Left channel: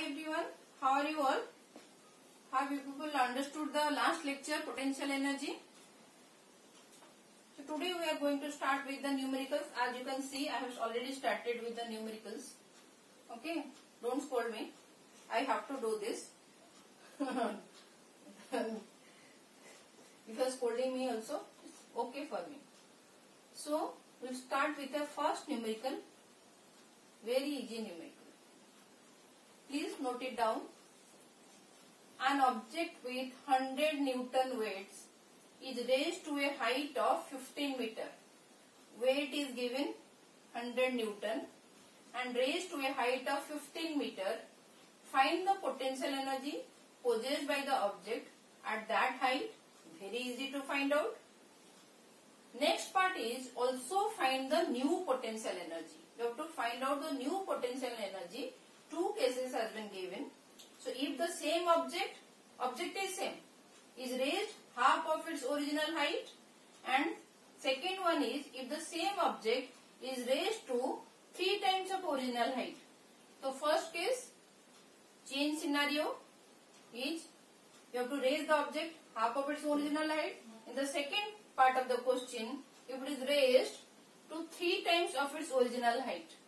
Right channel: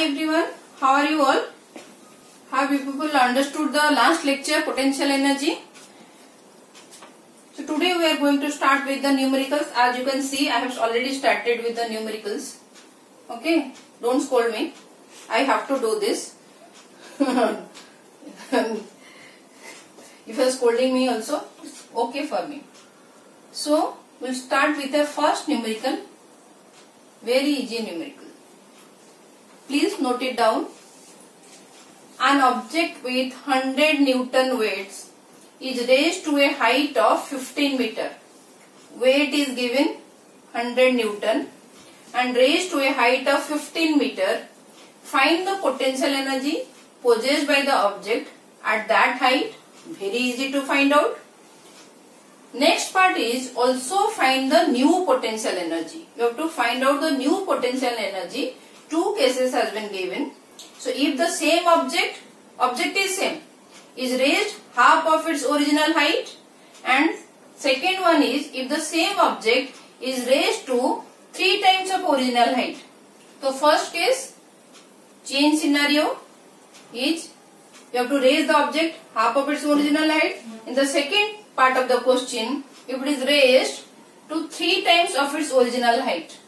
Hi everyone, how are you all? Have you people understood the last lecture, potential energy? So today we are going to start with the numericals. As you can see, I have already started with the numericals. Okay, don't scold me. I have to do this. If you are scolding me also, it's okay for me. So we'll start with the first numerical. Very easy numerical. Please note it down. An object with 100 Newton weights is raised to a height of 15 meter. Weight is given 100 Newton and raised to a height of 15 meter. Find the potential energy possessed by the object at that height. Very easy to find out. Next part is also find the new potential energy. You have to find out the new potential energy. Two cases has been given. So if the same object is same, is raised half of its original height, and second one is if the same object is raised to 3 times of original height. So first case, change scenario is you have to raise the object half of its original height. In the second part of the question, if it is raised to 3 times of its original height.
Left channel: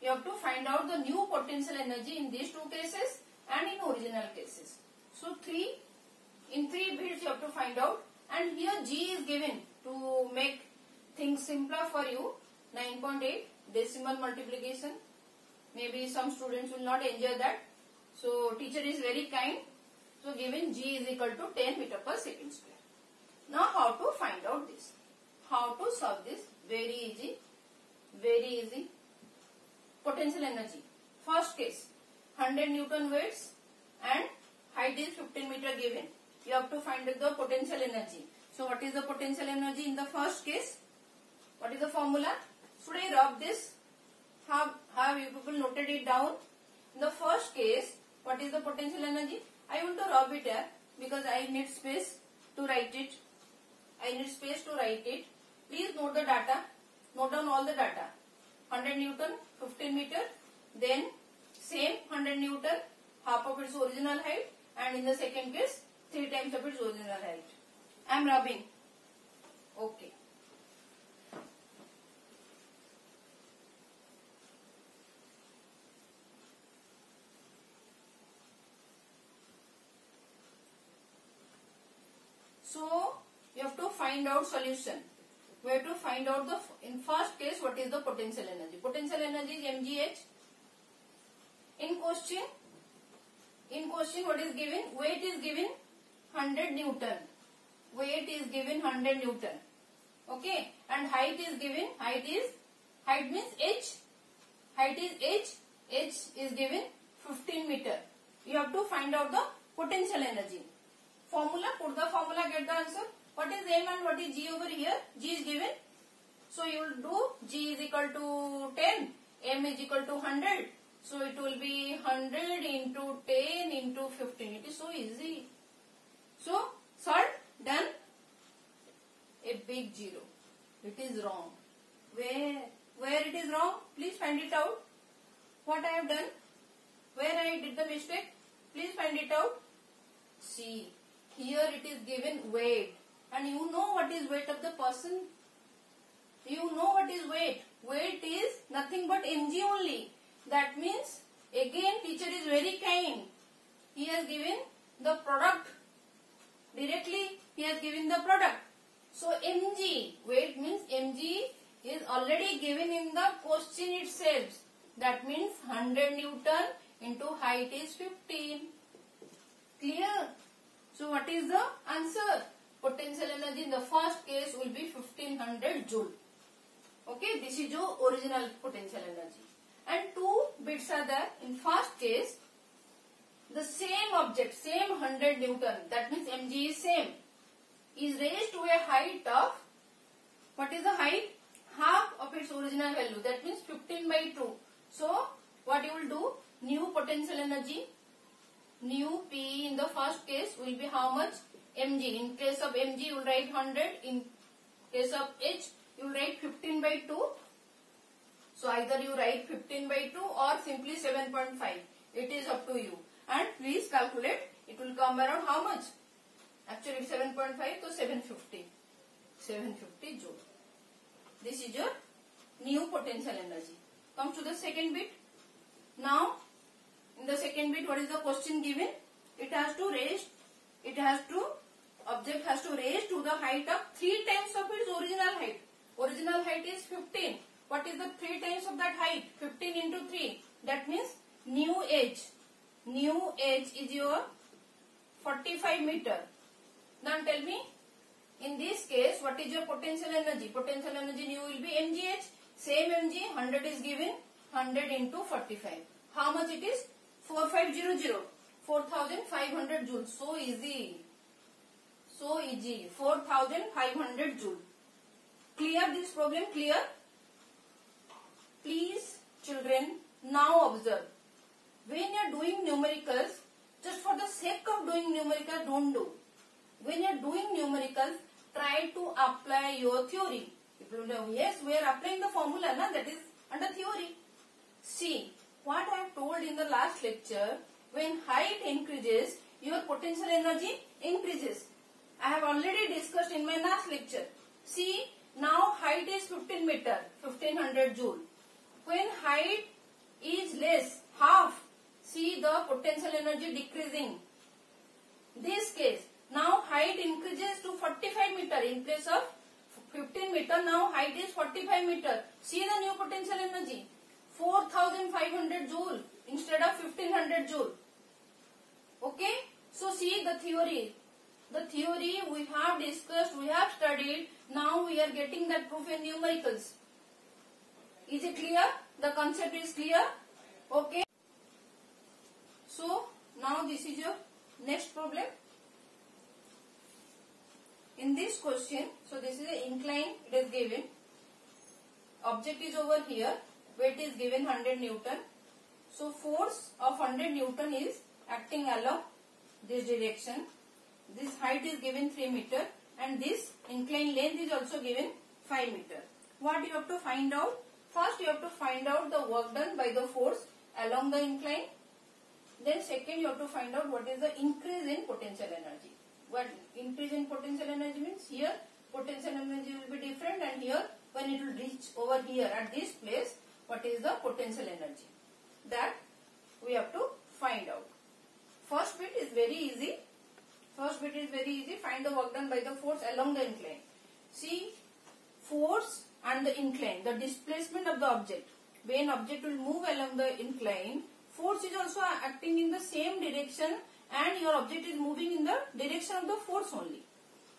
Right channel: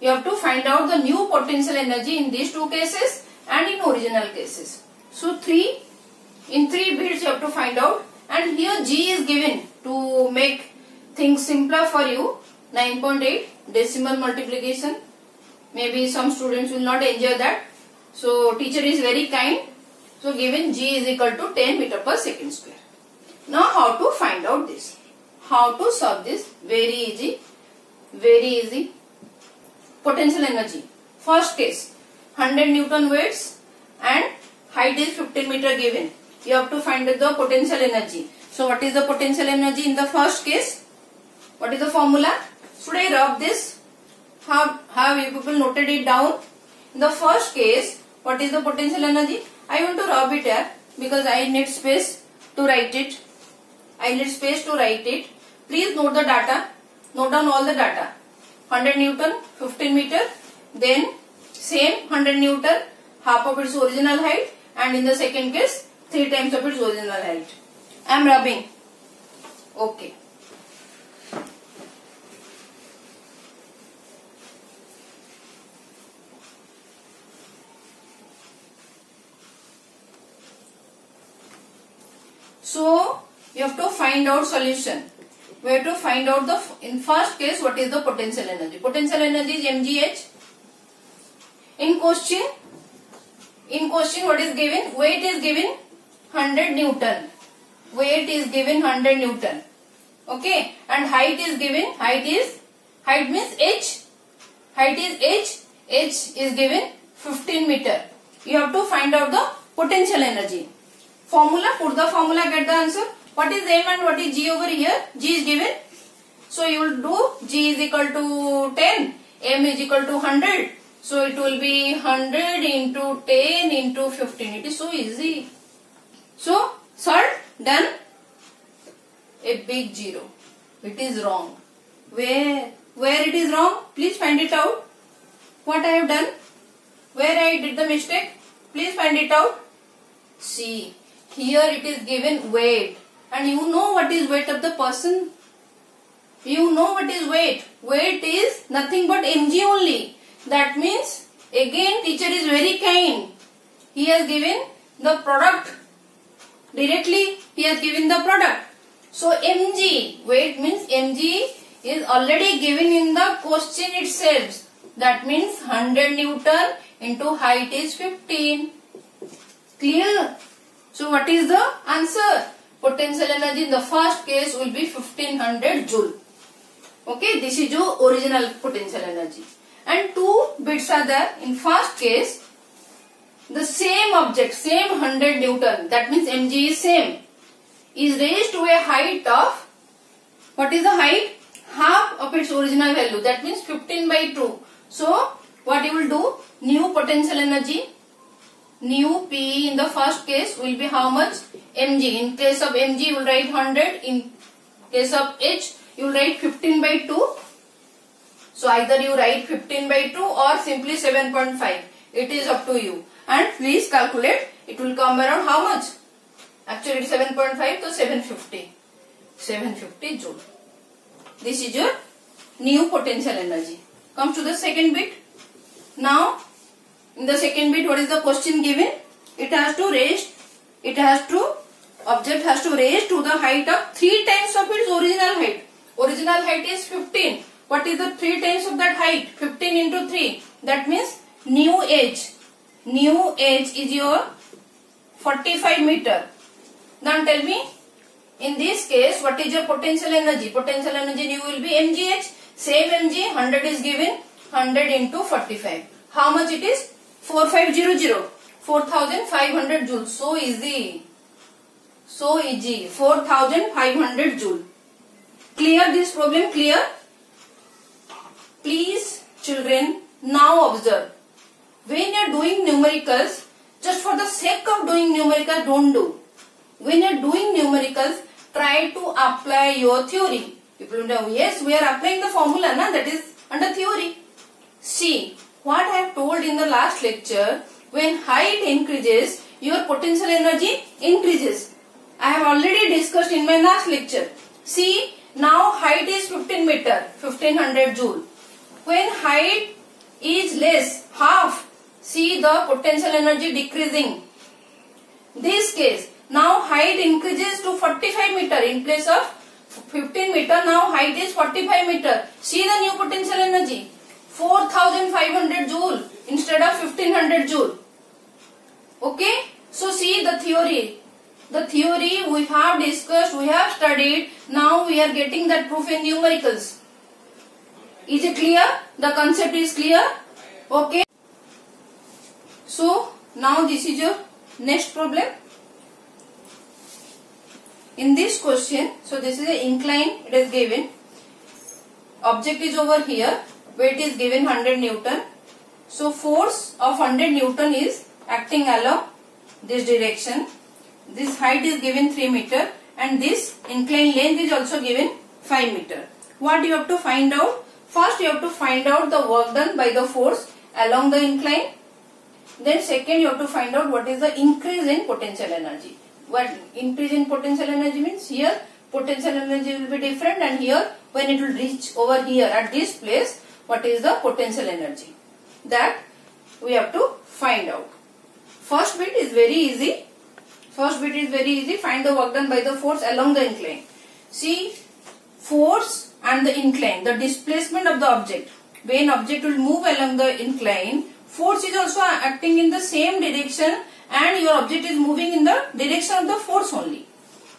You have to find out the new potential energy in these two cases and in original cases. So in 3 bits you have to find out, and here G is given to make things simpler for you. 9.8 decimal multiplication. Maybe some students will not enjoy that. So teacher is very kind. So given G is equal to 10 meter per second square. Now how to find out this? How to solve this? Very easy. Very easy. Potential energy. First case, 100 Newton weights and height is 15 meter given. You have to find the potential energy. So what is the potential energy in the first case? What is the formula? Should I rub this? Have you people noted it down? In the first case, what is the potential energy? I want to rub it here because I need space to write it. Please note the data. Note down all the data. 100 Newton, 15 meter, then same 100 Newton, half of its original height, and in the second case, 3 times of its original height. I am rubbing. Okay. So, you have to find out solution. We have to find out in first case what is the potential energy. Potential energy is mgh. In question what is given? Weight is given 100 Newton. Weight is given 100 Newton. Okay, and height is given. Height means h. Height is h. H is given 15 meter. You have to find out the potential energy. Formula. Put the formula. Get the answer. What is m and what is g over here? G is given. So you will do g is equal to 10. M is equal to 100. So it will be 100 into 10 into 15. It is so easy. So solved. Done. A big 0. It is wrong. Where it is wrong? Please find it out. What I have done? Where I did the mistake? Please find it out. See. Here it is given weight. And you know what is weight of the person? You know what is weight. Weight is nothing but mg only. That means again teacher is very kind. He has given the product. Directly he has given the product. So mg, weight means mg is already given in the question itself. That means 100 Newton into height is 15. Clear? So what is the answer? Potential energy in the first case will be 1500 joule. Okay, this is your original potential energy. And 2 bits are there. In first case, the same object, same 100 Newton, that means mg is same, is raised to a height of, what is the height? Half of its original value, that means 15 by 2. So, what you will do? New potential energy, new P in the first case will be how much? Mg. In case of Mg, you will write 100. In case of H, you will write 15 by 2. So either you write 15 by 2 or simply 7.5. It is up to you. And please calculate. It will come around how much? Actually, it is 7.5, so 750. 750 joule. This is your new potential energy. Comes to the second bit. Now, in the second bit, what is the question given? Object has to raise to the height of 3 times of its original height. Original height is 15. What is the 3 times of that height? 15 into 3. That means new h. New h is your 45 meter. Now tell me, in this case, what is your potential energy? Potential energy new will be mgh. Same mg, 100 is given. 100 into 45. How much it is? 4500. 4500 joules. So easy. So easy. 4500 joule. Clear this problem? Clear? Please, children, now observe. When you are doing numericals, just for the sake of doing numericals, don't do. When you are doing numericals, try to apply your theory. People know, yes, we are applying the formula, na? That is under theory. See, what I have told in the last lecture, when height increases, your potential energy increases. I have already discussed in my last lecture. See, now height is 15 meter, 1500 joule. When height is less, half, see the potential energy decreasing. This case, now height increases to 45 meter in place of 15 meter. Now height is 45 meter. See the new potential energy, 4500 joule instead of 1500 joule. Okay, so see the theory. The theory we have discussed, we have studied. Now we are getting that proof in numericals. Is it clear? The concept is clear? Okay. So now this is your next problem. In this question, so this is an incline, it is given. Object is over here. Weight is given 100 Newton. So force of 100 Newton is acting along this direction. This height is given 3 meter and this inclined length is also given 5 meter. What you have to find out? First you have to find out the work done by the force along the incline. Then second you have to find out what is the increase in potential energy. What increase in potential energy means? Here potential energy will be different and here when it will reach over here at this place, what is the potential energy? That we have to find out. First bit is very easy. Find the work done by the force along the incline. See, force and the incline, the displacement of the object. When object will move along the incline, force is also acting in the same direction and your object is moving in the direction of the force only.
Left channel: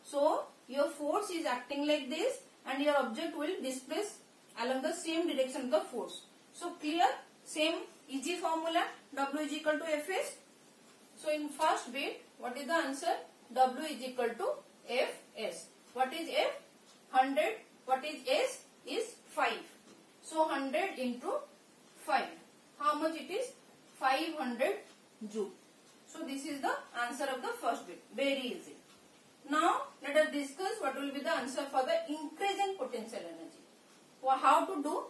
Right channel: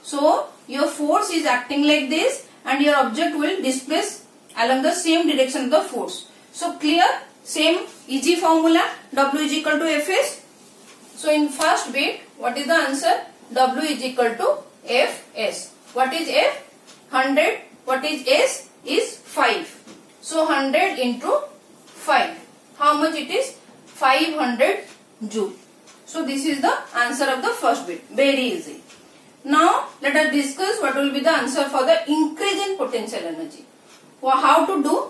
So, your force is acting like this and your object will displace along the same direction of the force. So, clear? Same easy formula, W is equal to Fs. So, in first bit, what is the answer? W is equal to Fs. What is F? 100. What is S? Is 5. So, 100 into 5. How much it is? 500 joule. So, this is the answer of the first bit. Very easy. Now, let us discuss what will be the answer for the increase in potential energy. Well, how to do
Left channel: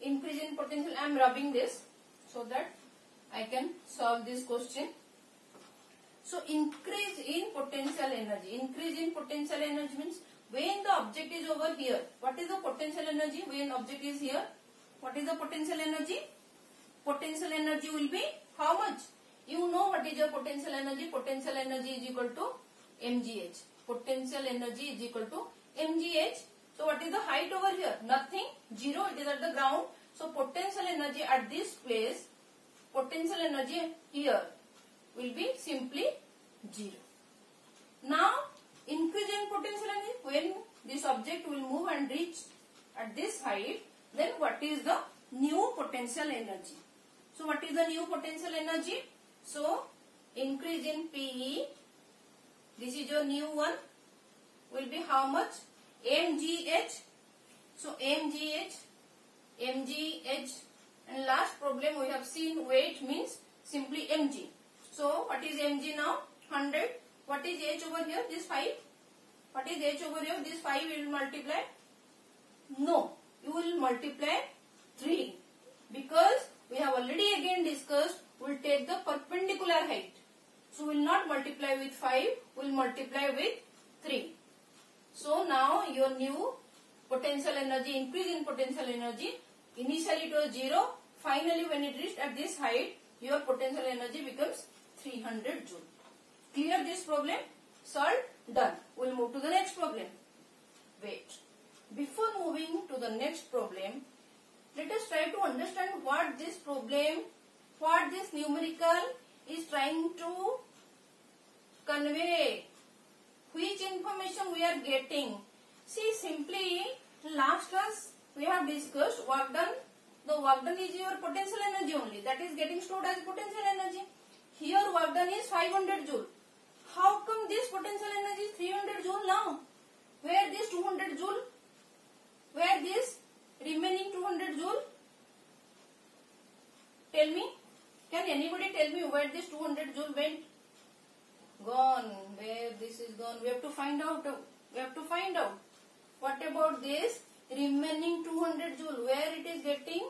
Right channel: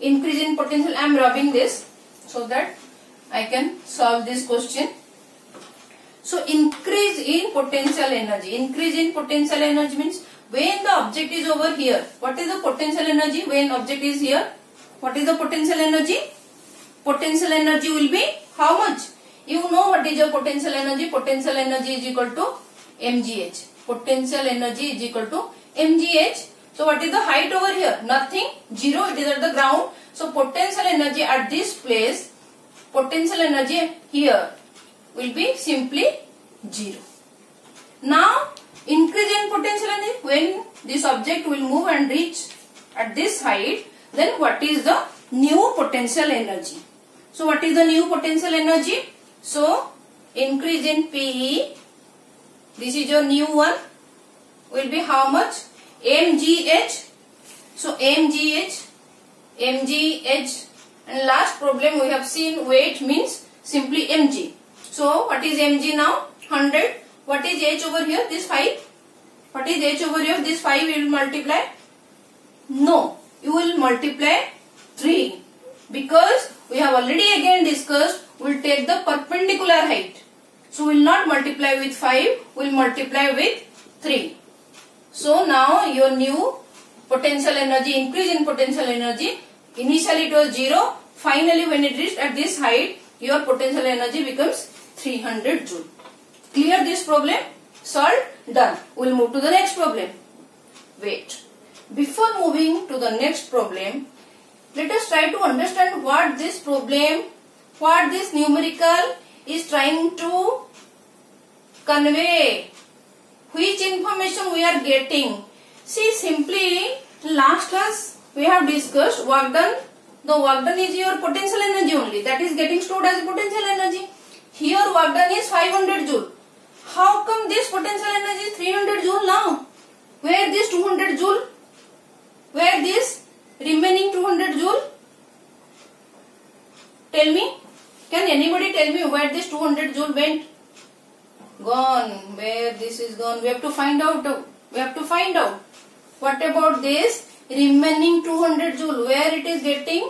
increase in potential? I am rubbing this so that I can solve this question. So, increase in potential energy. Increase in potential energy means when the object is over here. What is the potential energy when object is here? What is the potential energy? Potential energy will be how much? You know what is your potential energy? Potential energy is equal to mgh. Potential energy is equal to mgh. So, what is the height over here? Nothing. 0. It is at the ground. So, potential energy at this place, potential energy here will be simply 0. Now, increase in potential energy, when this object will move and reach at this height, then what is the new potential energy? So, what is the new potential energy? So, increase in PE, this is your new one, will be how much? mgh. So, mgh, and last problem we have seen weight means simply mg. So, what is mg now? 100. What is h over here? This 5. What is h over here? This 5 you will multiply? No, you will multiply 3. Because we have already again discussed we'll take the perpendicular height. So we'll not multiply with 5, we'll multiply with 3. So now your new potential energy, increase in potential energy, initially it was 0, finally when it reached at this height, your potential energy becomes 300 joule. Clear this problem? Solved? Done. We'll move to the next problem. Wait. Before moving to the next problem, let us try to understand what this problem, what this numerical is trying to convey. Which information we are getting. See, simply last class we have discussed work done. The work done is your potential energy only. That is getting stored as potential energy. Here work done is 500 joule. How come this potential energy is 300 joule now? Where this 200 joule? Where this remaining 200 joule? Tell me. Can anybody tell me where this 200 joule went? Gone. Where this is gone? We have to find out. We have to find out. What about this remaining 200 joule? Where it is getting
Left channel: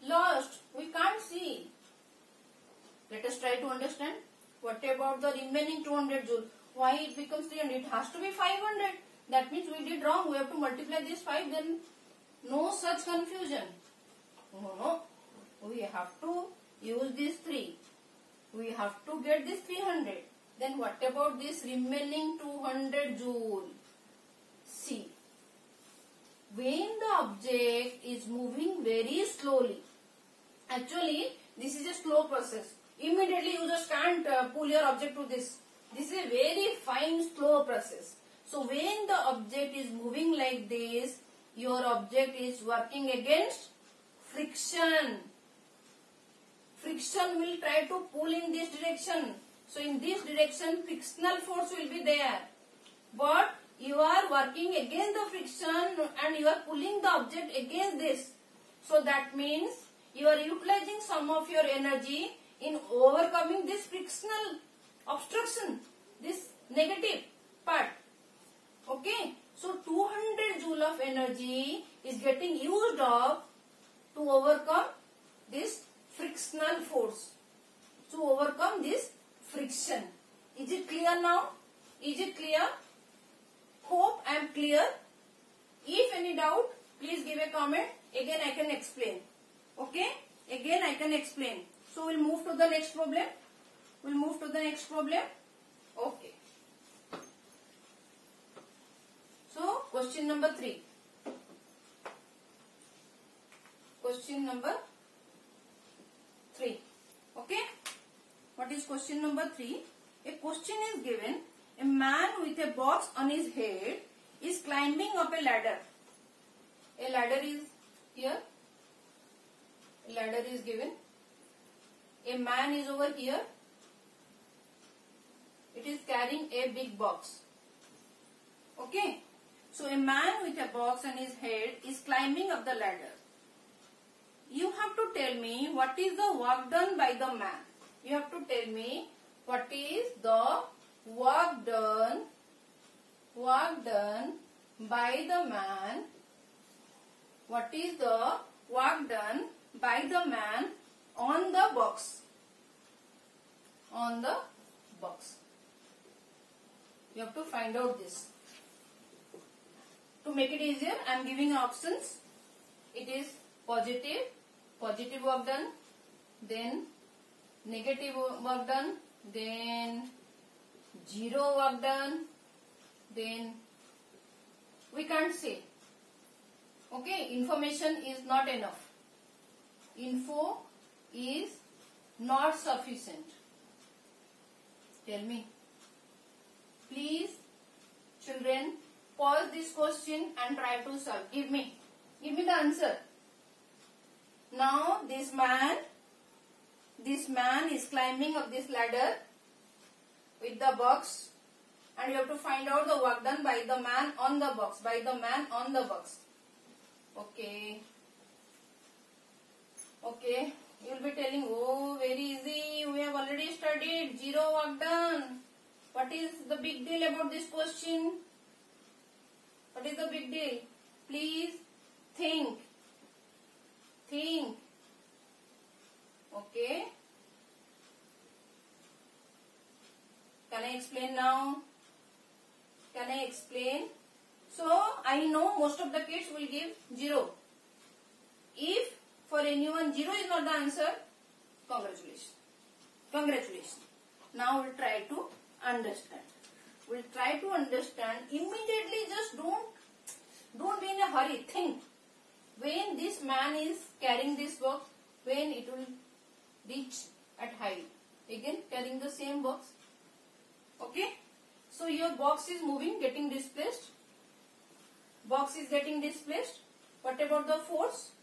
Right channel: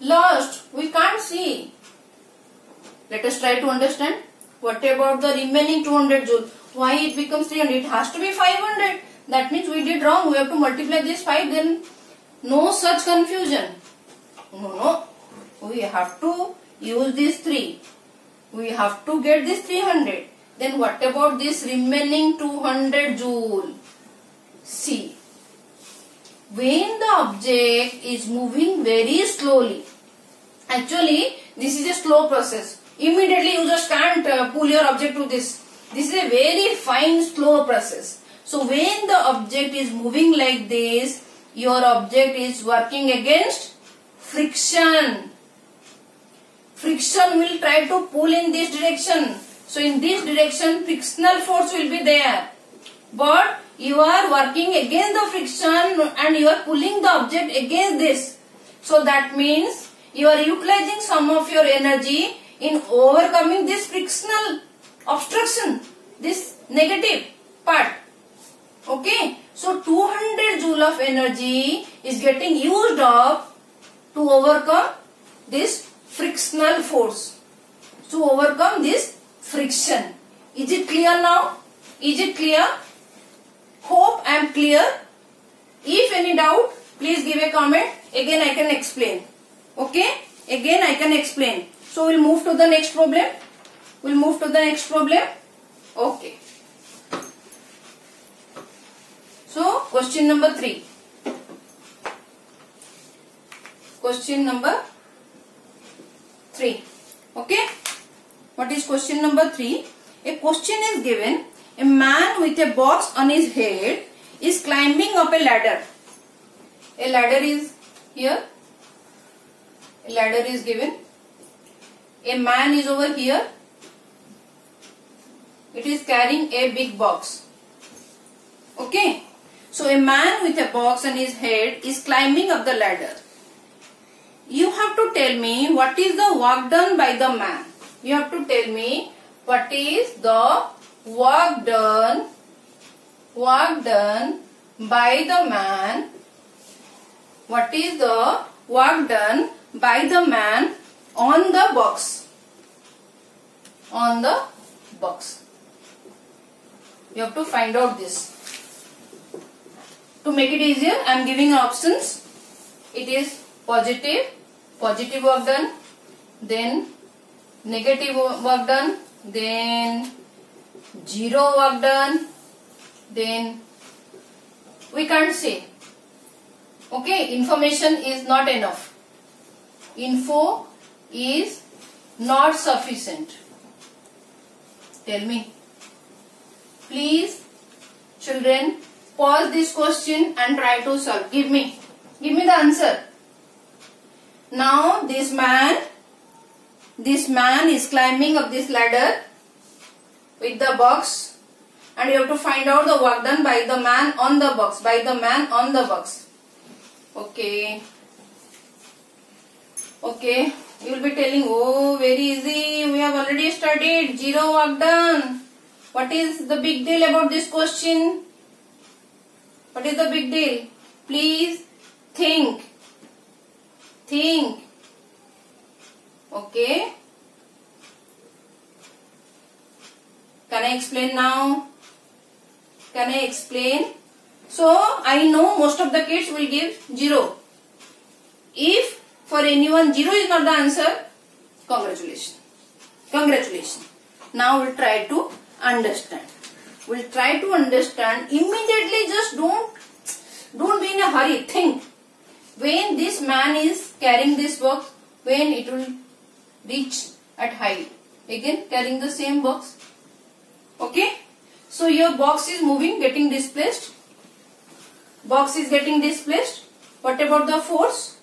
lost? We can't see. Let us try to understand. What about the remaining 200 joule? Why it becomes 300? It has to be 500. That means we did wrong. We have to multiply this 5. Then no such confusion. No. We have to use this 3. We have to get this 300. Then what about this remaining 200 joule? See. When the object is moving very slowly, actually this is a slow process. Immediately you just can't pull your object to this. This is a very fine slow process. So when the object is moving like this, your object is working against friction. Friction will try to pull in this direction. So in this direction frictional force will be there. But you are working against the friction and you are pulling the object against this. So that means you are utilizing some of your energy in overcoming this frictional obstruction, this negative part. Okay. So 200 joule of energy is getting used up to overcome this frictional force. To overcome this friction. Is it clear now? Is it clear? Hope I am clear. If any doubt, please give a comment. Again I can explain. Okay? Again I can explain. So we'll move to the next problem. We'll move to the next problem. Okay. So question number 3. Question number 3. Okay? What is question number 3? A question is given. A man with a box on his head is climbing up a ladder. A ladder is here. A ladder is given. A man is over here. It is carrying a big box. Okay. So a man with a box on his head is climbing up the ladder. You have to tell me what is the work done by the man. You have to tell me what is the work done by the man. What is the work done by the man on the box? On the box. You have to find out this. To make it easier, I am giving options. It is positive work done, then negative work done, then zero work done, then we can't say. Okay, information is not enough. Info is not sufficient. Tell me. Please, children, pause this question and try to solve. Give me the answer. Now this man is climbing up this ladder with the box, and you have to find out the work done by the man on the box. Okay. You will be telling, oh, very easy. We have already studied. Zero work done. What is the big deal about this question? What is the big deal? Please think. Okay. I explain now? Can I explain? So I know most of the kids will give 0. If for anyone 0 is not the answer, congratulations. Congratulations. Now we'll try to understand. We'll try to understand immediately. Just don't be in a hurry. Think. When this man is carrying this box, when it will reach at height. Again carrying the same box. Okay. So your box is moving, getting displaced. Box is getting displaced. What about the force?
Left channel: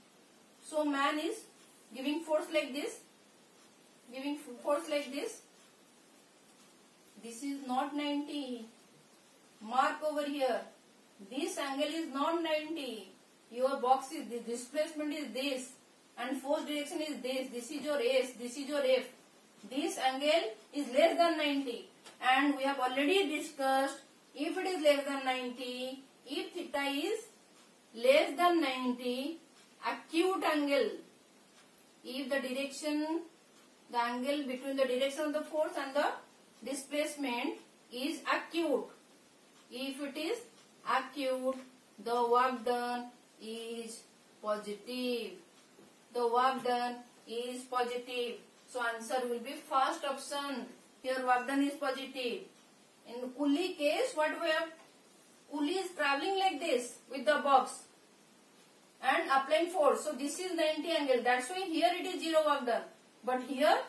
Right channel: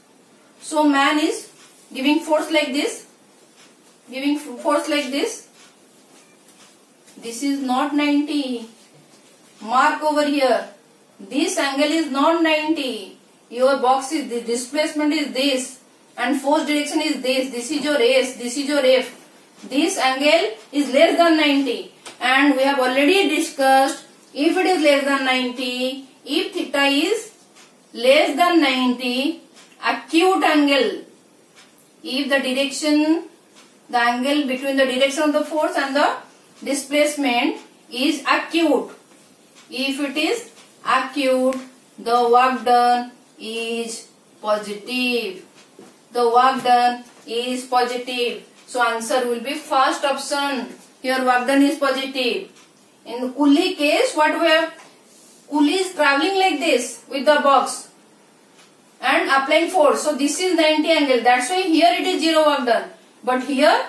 So man is giving force like this. Giving force like this. This is not 90. Mark over here. This angle is not 90. Your box is, the displacement is this. And force direction is this. This is your S. This is your F. This angle is less than 90. And we have already discussed, if it is less than 90, if theta is less than 90, acute angle. If the direction, the angle between the direction of the force and the displacement is acute. If it is acute, the work done is positive. The work done is positive. So answer will be first option. Here work done is positive. In the Coolie case, what we have? Coolie is traveling like this with the box and applying force. So this is 90 angle. That's why here it is 0 work done. But here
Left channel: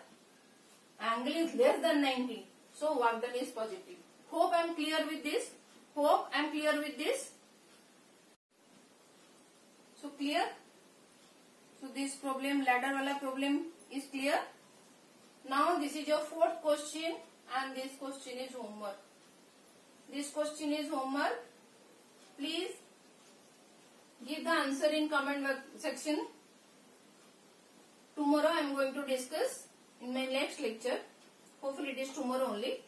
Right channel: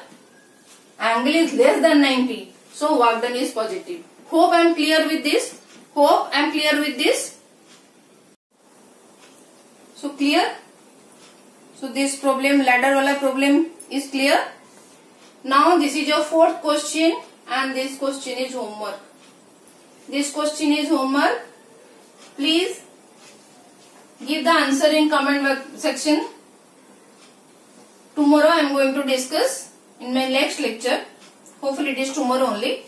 angle is less than 90. So work done is positive. Hope I am clear with this. Hope I am clear with this. So clear? So this problem, ladder wala problem is clear. Now this is your fourth question and this question is homework. This question is homework. Please give the answer in comment section. Tomorrow I am going to discuss in my next lecture. Hopefully it is tomorrow only.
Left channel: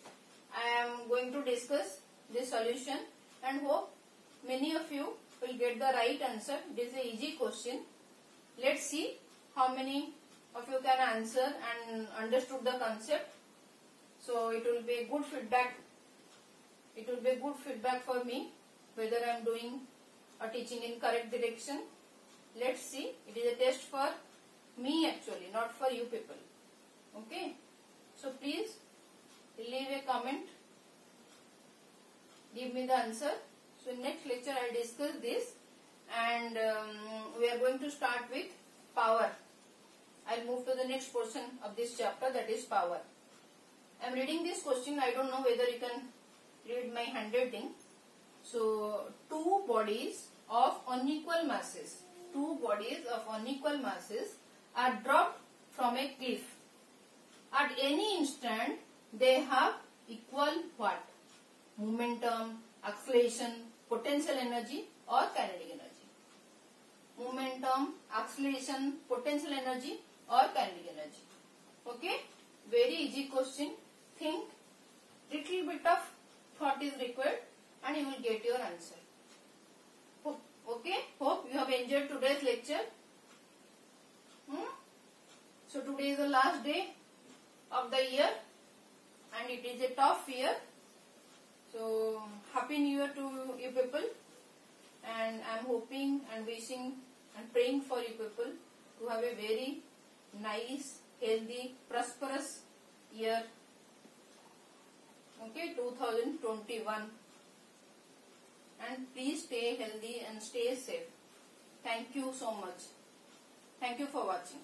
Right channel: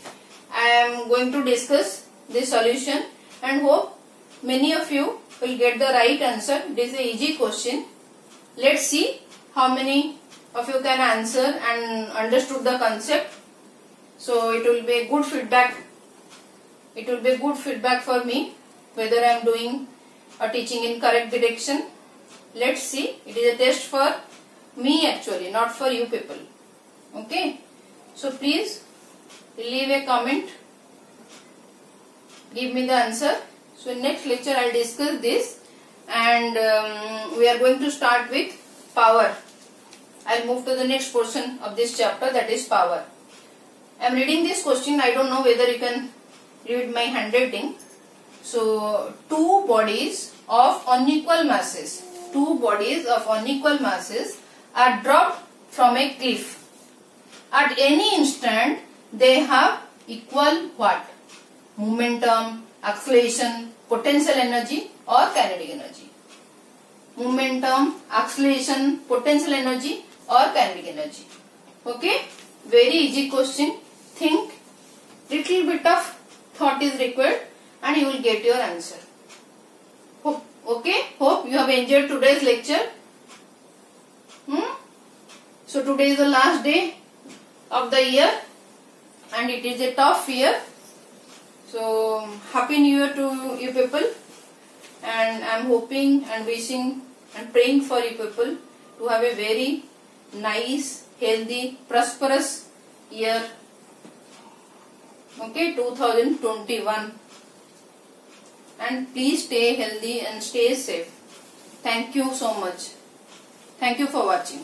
I am going to discuss this solution and hope many of you will get the right answer. It is an easy question. Let's see how many of you can answer and understood the concept. So it will be a good feedback. It will be a good feedback for me whether I am doing or teaching in correct direction. Let's see. It is a test for me actually, not for you people. Okay. So please leave a comment. Give me the answer. So in next lecture I will discuss this and we are going to start with power. I will move to the next portion of this chapter, that is power. I am reading this question. I don't know whether you can read my handwriting. So two bodies of unequal masses. Two bodies of unequal masses are dropped from a cliff. At any instant they have equal what? Momentum, acceleration, potential energy or kinetic energy. Momentum, acceleration, potential energy or kinetic energy. Okay, very easy question. Think, little bit of thought is required and you will get your answer. Okay, hope you have enjoyed today's lecture. So today is the last day of the year and it is a tough year. So happy new year to you people, and I am hoping and wishing and praying for you people to have a very nice, healthy, prosperous year. Okay, 2021. And please stay healthy and stay safe. Thank you so much. Thank you for watching.